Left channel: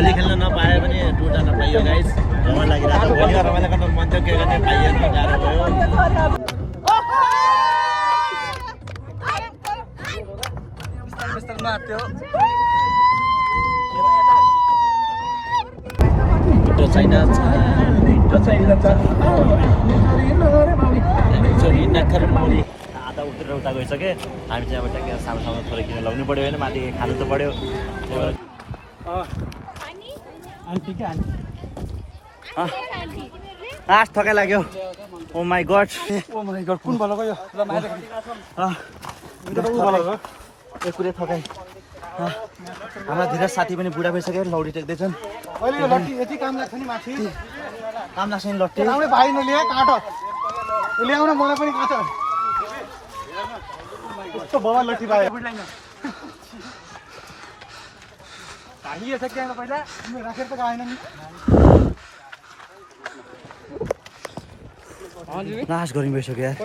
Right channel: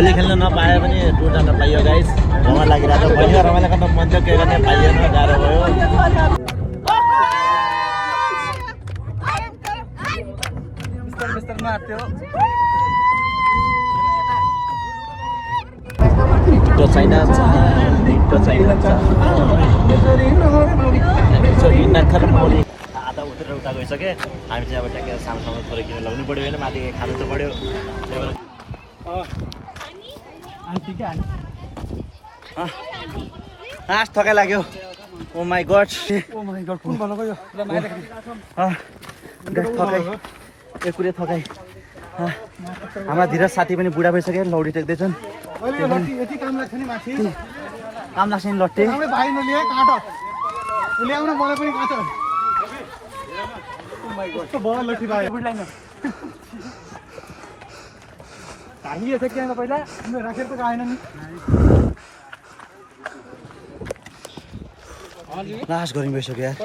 भोलि खेल्न नपाए पनि टुर्ना त पाइयो गाइस रमाइलो लागिरहेको छ भोलि रमाइलो गर्न मन थियो के गर्ने पाइएन गाह्रो भयो बिस्तार माथ्यो त्यो छैन आधा उत्रेर उता गइसके हामी चाहिँ अब ट्याक्कै सानो थोरै किन लाउनु पऱ्यो होइन माथि खानु त पऱ्यो आठ थकाइ लाग्यो ओ माई गड थकाइ एकुरे थकाइ हाम्रा धेरै साथी पनि बुढा भइसक्यो लौडी टेक्दैछन् काम लाग्छ नि लट्टे लास्ट गरि भइसक्यो यार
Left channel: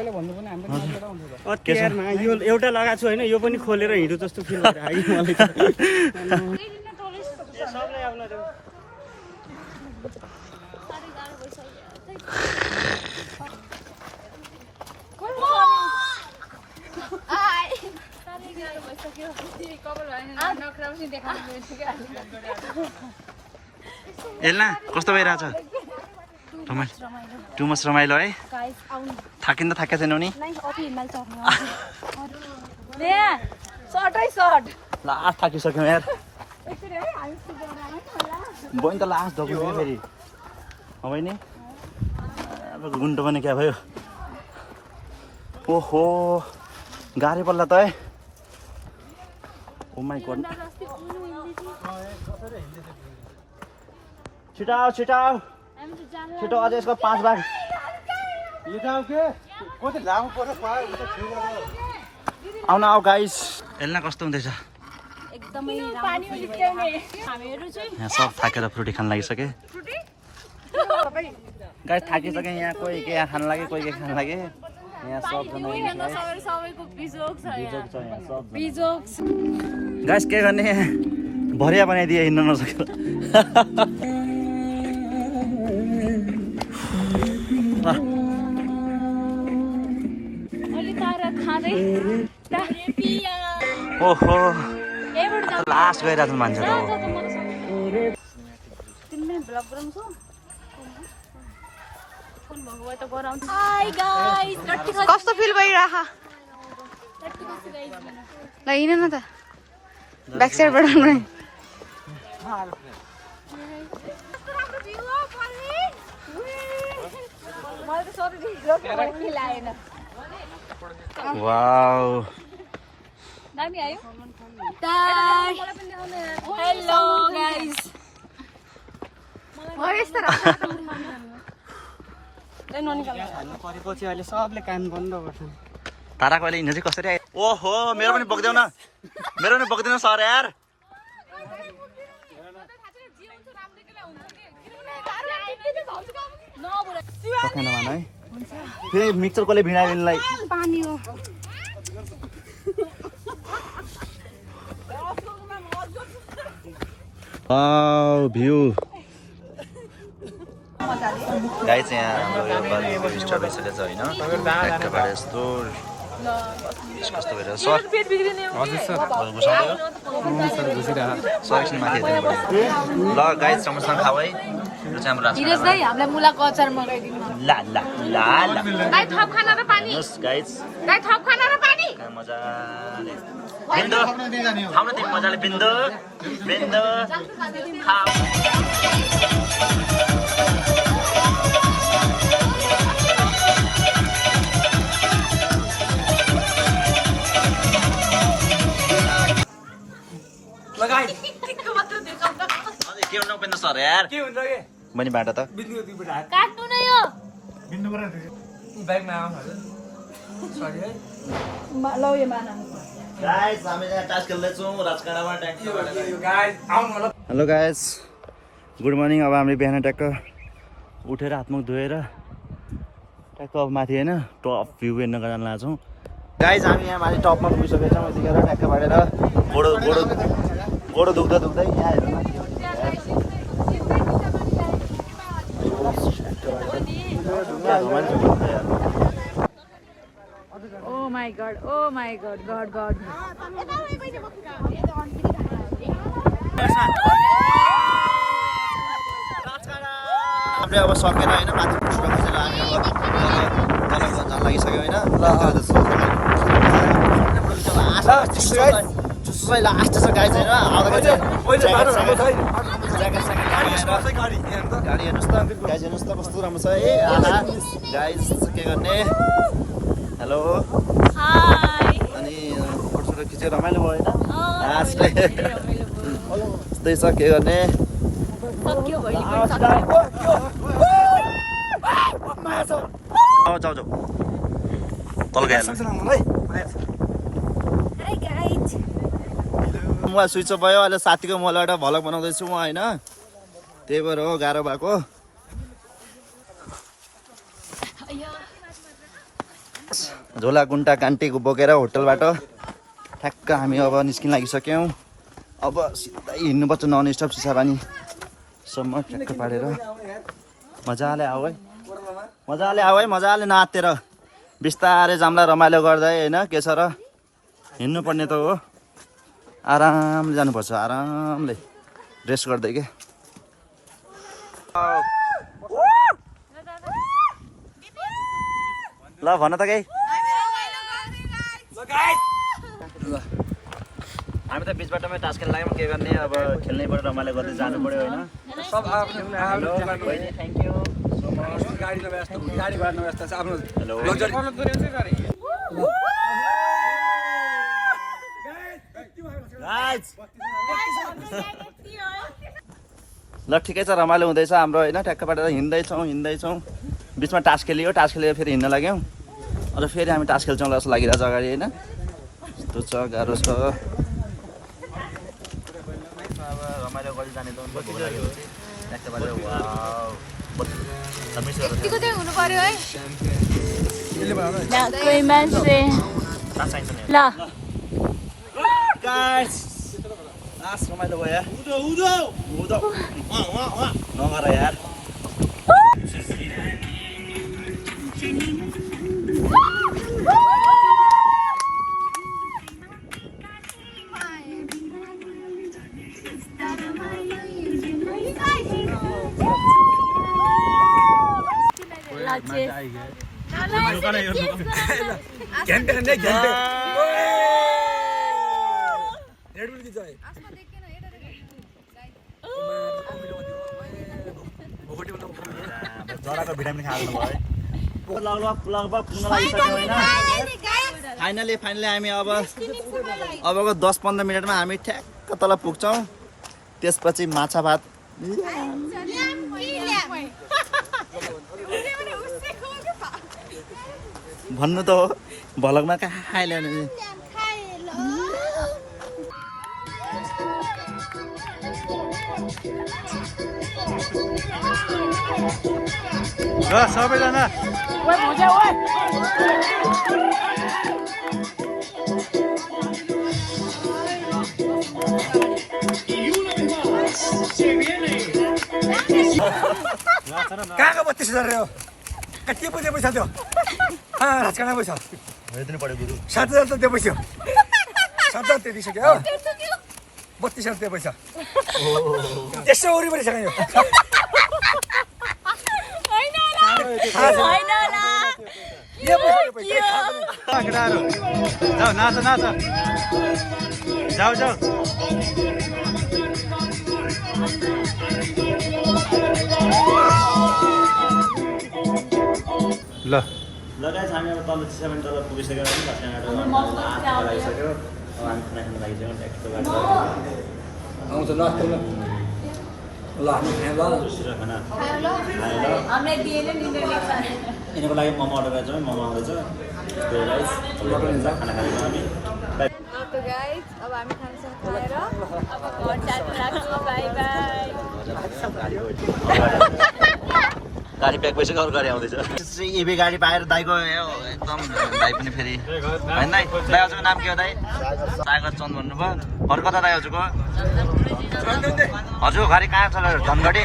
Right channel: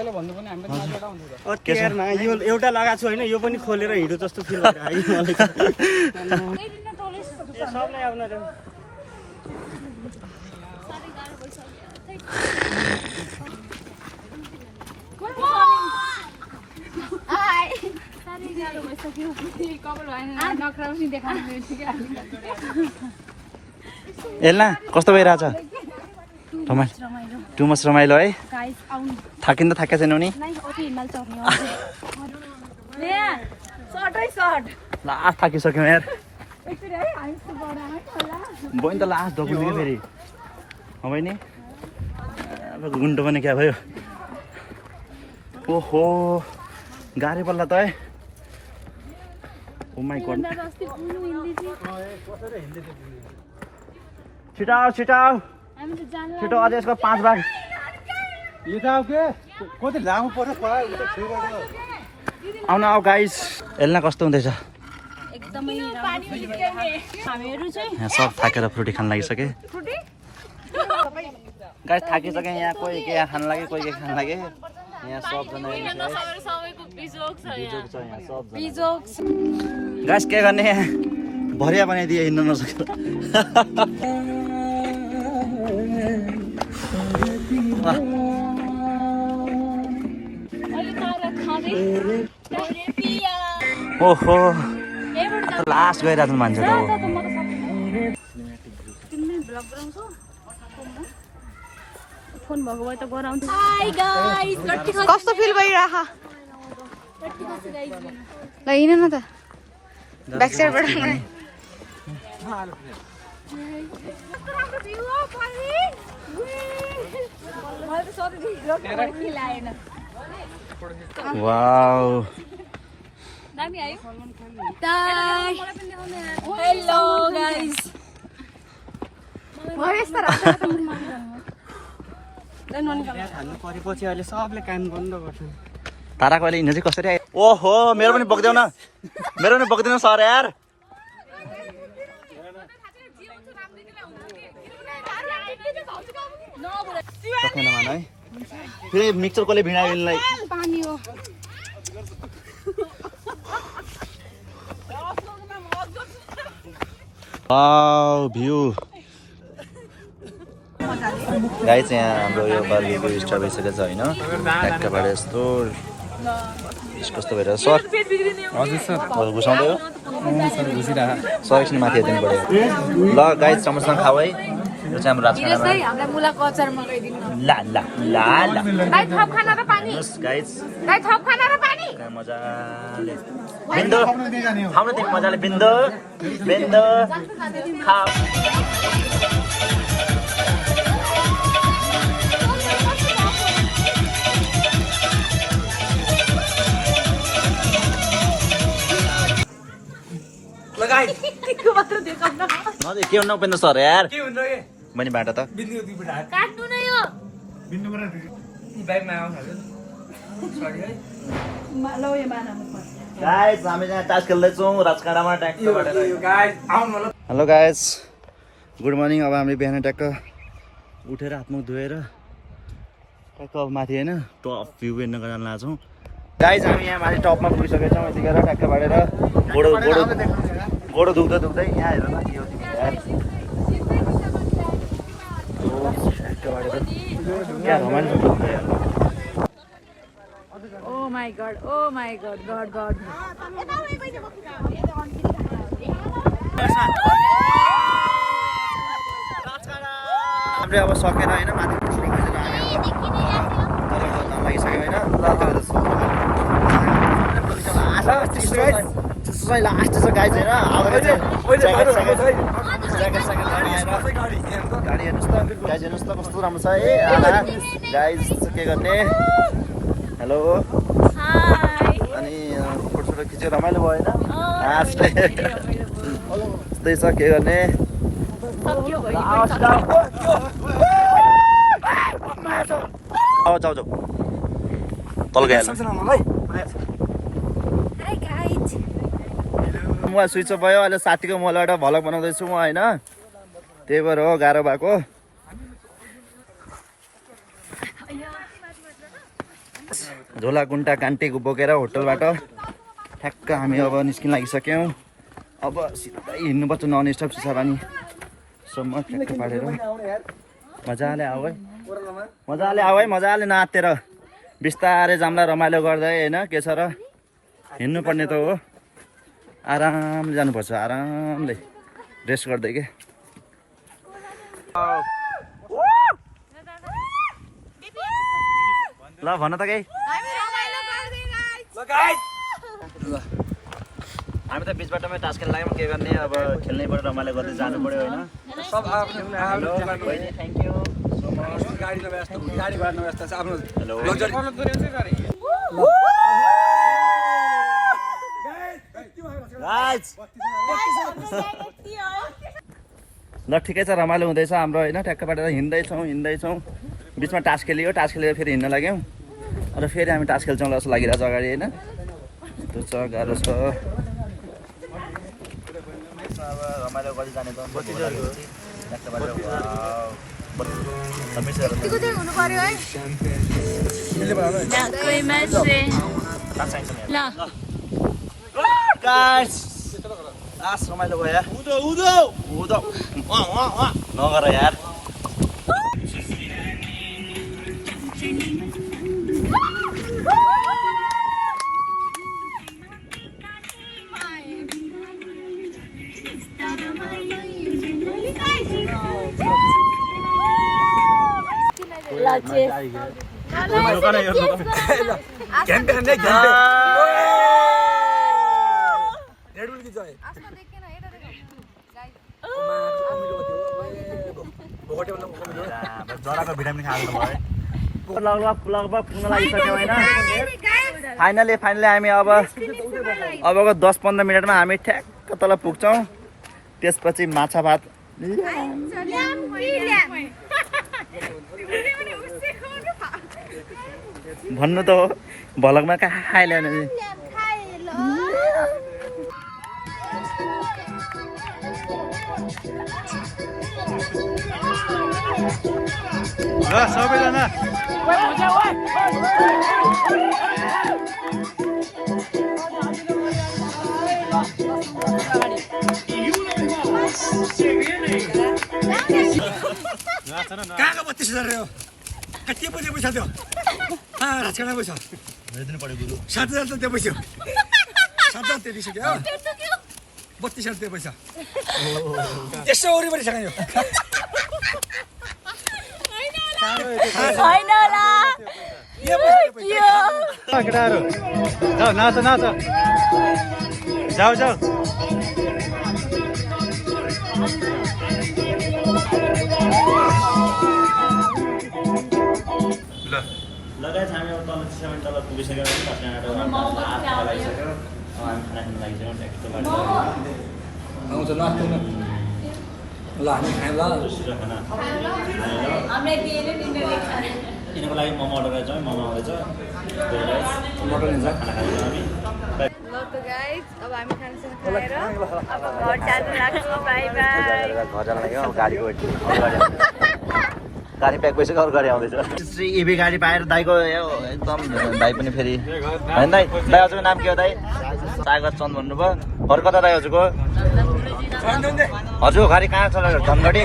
यो एउटा लगाएको छु होइन यो पनि खोलेर हिँड्नु जस्तो फिल एल्ना कस्तो भइरहेछ टु मच रमाइलो है थाकिन त थाकेको छैनौ नि लास्ट थाकिसक्यौँ यार बहिनी त लास्ट धकुन्छ कि फेरि बहिनी गुन्टो पनि क्या भयो ओहो गाह्रै पल्ला त है ओ माई गड छिटाउ छिटाउ छिटो अझै यसको 5 भाग आउन आऊ गाइस एल्ना कस्तो हुँदैछ यहाँ सब थाकेर फ्रुटी खान लागिसके गाइस थाकिसके यहाँ कोही के खान लागे कोही के खान लागे यहाँ सबजना गाइस के गर्ने भरिया बनाइदिए हिँड्न नसकेर ओहो लास्ट गइरहेको छ मान्छे त कस्तो फिल भइरह ल हिँड न त ब्याक साइडबाट वाउ हेलो गाइस परेपछि अहिले सबले काम बन्द गर्छ ताराको अहिले हिँड्नु चाहिँ कसरी आयो ओहो मेरो पनि बोक्देऊ न मेरो पनि बोक्दिनु सर यार सकेन मान है फेरि मिक्सर कसले भिडायो यिनलाई पानी हो वाउ भ्यू गाइस यहाँ हाम्रो यो बारबेक्यु स्टार्ट भइसकेको छ होइन ट्याक्कबाट यस्तो कस्तो भइरहेको सर हजुर सर घुसाउँदै हो सर घुसिरहेको सर एकछिन माथि हेरिदिनु पऱ्यो ल गाइस चमचसँग खाऊ है यो चाहिँ हाम्रो राजखानामा ला ला ला ला गाइस मजाले बिन्दु खाऊ न तिमी मजाले बिन्दु बिन्दु खाऊ के हुन्न उपेन्द्र सर यार बहिनी बाटो त हामी टास खेल्दैछौँ राजकाँडामा हेलो गाइस गुड मर्निङ अब हामीले बिहान ट्याक्क उठेर हातमुख धोएर ट्याक्क अब माथि होइन टप भ्यू हेर्न गर्न लाग्छौँ गाइस हामी यहाँ माथि टपमा पुगिसकेका छौँ यतिखेर ट्याक्क भएर गोडो दुख्दै यहाँ हेर न के हो क्या रमाइलो छ बहुत यार Oh my god, God. हामीले अब सकेर होइन माथि पुग्न खोजेर हामी अब तल जान लागिसक्यो होइन लास्ट छ गाइज होइन गाडी हेर्नुहोस् त गाइज हेर्नुहोस् त कस्तो राम्रो छ है गाइज के गर्ने हेलो अनि फोटो खिचेर रमाइलो भयो होइन यस्तै छ के गर्ने जाऊ तल गइहाल्नु मोबाइल स्विच अफ भयो अहिले साथीको मोबाइलबाट भ्लग बनाउँदैछु म होइन त्यही भएर हो गाह्रो भएको झोला गुन्टा कान्टी बोकेर होटलबाट ठ्याक्क हामी अब निस्किन लागिसक्यौँ अब सिधै हिँड्नुपर्छ नन स्टप चिसापानीसम्म ठ्याक्क पारेर मजाले आऊ है मजाले नातेर बिस्तारै जाम्ला रमाइलो गर्दै होइन के छ र हिँड्नुपर्ने त हो आरामले जानुपर्छ आरामले रेस्ट गर्दै के ल भन त केही हामी त बिच बाटोमै टास्क खेल्न लाग्यौँ के गर्ने अब खेल्नै पऱ्यो रमाइलो गर्दै जानु पऱ्यो होइन थ्याङ्क यू सो मच ल ठिकै छ रमाइलो हुँदैछ हाम्रो होइन ठ्याक्कबाट हिँड्दैछौँ बिचमा टास्क खेल्यो फेरि हिँड्न लाग्यौँ अन्त फेरि हामी टास्क खेल्छौँ जस्तो लागिरहेको छ अगाडि होइन यस्तो छ गाह्रो छ अब रमाइलो गर्दै जाने त रमाइलो भयो नगर यार जराको भिटामिन खाएको भयो लगभग पुग्न लागिसक्यौँ होइन फाइनली हामी अबको 10-15 मिनटमा हामी ठ्याक्क तल पुग्छौँ त्यसपछि माछा भात भन्नु त हो भलकमा कहाँ खाइल्याउने ल सबैजना कहाँको 32,000 हो कति पुग्ने पैसा त्यो राजकाँडा पैसा हेरिदिनु पऱ्यो गुरु 7,000 त त्यो पैसा 7,000 त्यो दिइसक्यो हो 32,000 त्यो पैसा यसो वरिपरि छ यो केटाहरू जाऊ नाच जाऊ ल लगाइ हामी अब तल चिसापानी तल पुगिसक्यो भने लागिसक्यो अब हामी खाना खानु लागिसक्यौँ ट्याक्टर यिनीहरूको लागि मोमो अर्डर गरेको छ मोमो आउँदैछ खाना खाँदैछौँ हामी अब हामी खानासाना खाएर अब घर जानु लाग्छौँ बाई बाई घर जान लाग्यो गाडी प्याक भइसक्यो अरू गाडी आउँदैछ इभी गाडी पाएर दाइको एकदम दाइ पनि फेरि होइन दाइ हजुरको नाम के हो दाइ सागर चन्द भन्नुभयो अरू कता दाइ हजुरको गाडी कहाँ छ धनगढी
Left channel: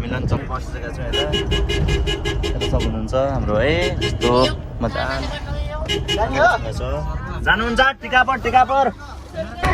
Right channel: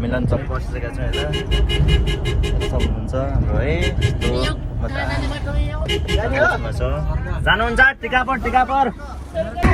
मिलन चौक बसिसकेका छौँ यता सब हुनुहुन्छ हाम्रो है यस्तो मजा जानुहुन्छ टिकापर